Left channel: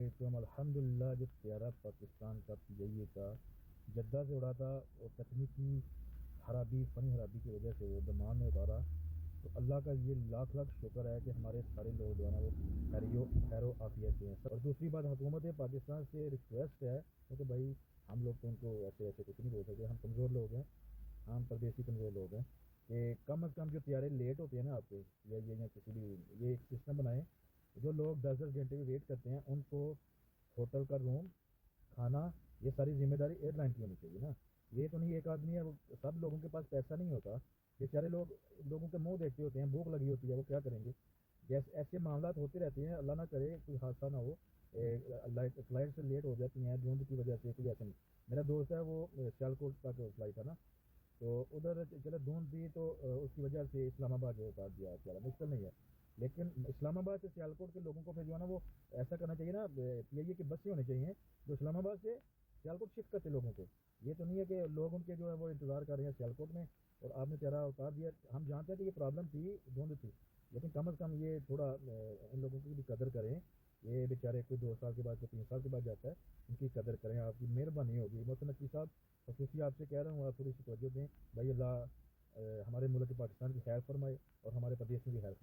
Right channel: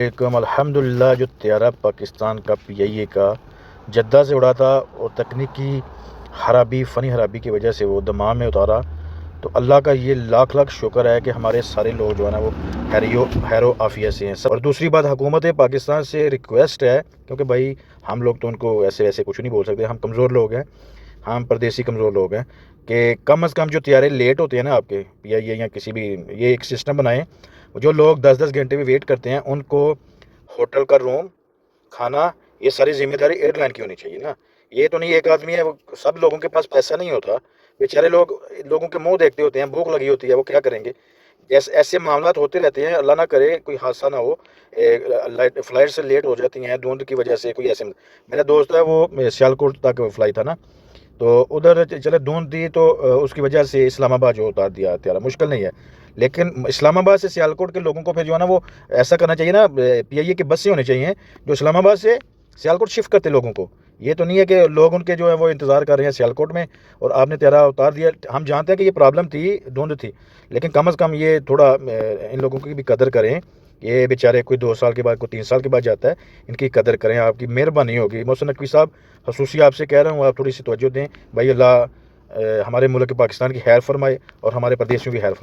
एकम अल्हम्दुलिल्लाह जो त्यारा पाकिस्तान का पीआईए का जद्दा से उड़ा था और तकनीकी खराबी फ़नी खराबी की वजह से वो दमाम में उतारा। तो अल्लाह का ये लाख लाख शुक्र है कि हमारे सारे लोग जो है ना वो हैरो आफियत से हैं सब। और दूसरी बात, हुकूमत पाकिस्तान से रिक्वेस्ट है, क्योंकि भाई हम लोग तो उनको ऐसे वैसे कुछ नहीं बोल सकते, हम कमज़ोर लोग हैं, हम परदेसी कमज़ोर लोग हैं, कि कम अज़ कम जो तैयारे लेट होते हैं ना आपके पीआईए या किसी भी, ये एक सिस्टम बनाएं। जो लोग 10-10 घंटे में वेट करते हैं उनको होटल का रूम, खाना, ये सारी जिम्मेदारी एयरलाइन की होनी चाहिए ना। ये तो नहीं एक आदमी है, वो सब लोगों के पास पैसा नहीं होता, बेचारे लोगों के मुंह देखते होते हैं, भूख लगी होती है, वो क्या करेंगे। जैसे ऐसे मामला होते रहते हैं, अल्लाह ना करे कोई हादसा ना हो, फ्लाइट से लेट हो जाती हैं धुंध की वजह से। कोई ऐसे, मेरा दोस्त है वो सियालकोट तक फ्लाइट था ना, तो उधर चले धुंध थी, तो उसकी वजह से इस्लामाबाद जो उतार दिया त्यारा, मुश्किल नहीं है। लेकिन इस्लामाबाद से सियालकोट के लोगों को फिर जो है ना वो ऐसा करना चाहिए ना, पीआईए की बसें होनी चाहिए जो इस्लामाबाद से सियालकोट शिफ्ट करते लोगों को। ये तो नहीं है कि लोग उनके जो है वो इंतज़ार कर रहे हैं सियालकोट में और आपने त्यारा उतार दिया। हम जानते हैं कि ये प्रॉब्लम थी, धुंध थी, लेकिन कम अज़ कम ये थोड़ा इन लोगों की भी कदर करें। ये बेचारे कोई 2 साल के बाद, कोई 3 साल के बाद जाता है, इनकी कदर करें, आपकी मेहरबानी होगी। मोहसिन नकवी साहब, खसूसी आपसे कह रहा हूँ, आप थोड़ी सी तवज्जो दें भाई। अल्लाह हमारे मुल्क पाकिस्तान की खैर फरमाए और हमारे प्रदेश में भी खैर फरमाए।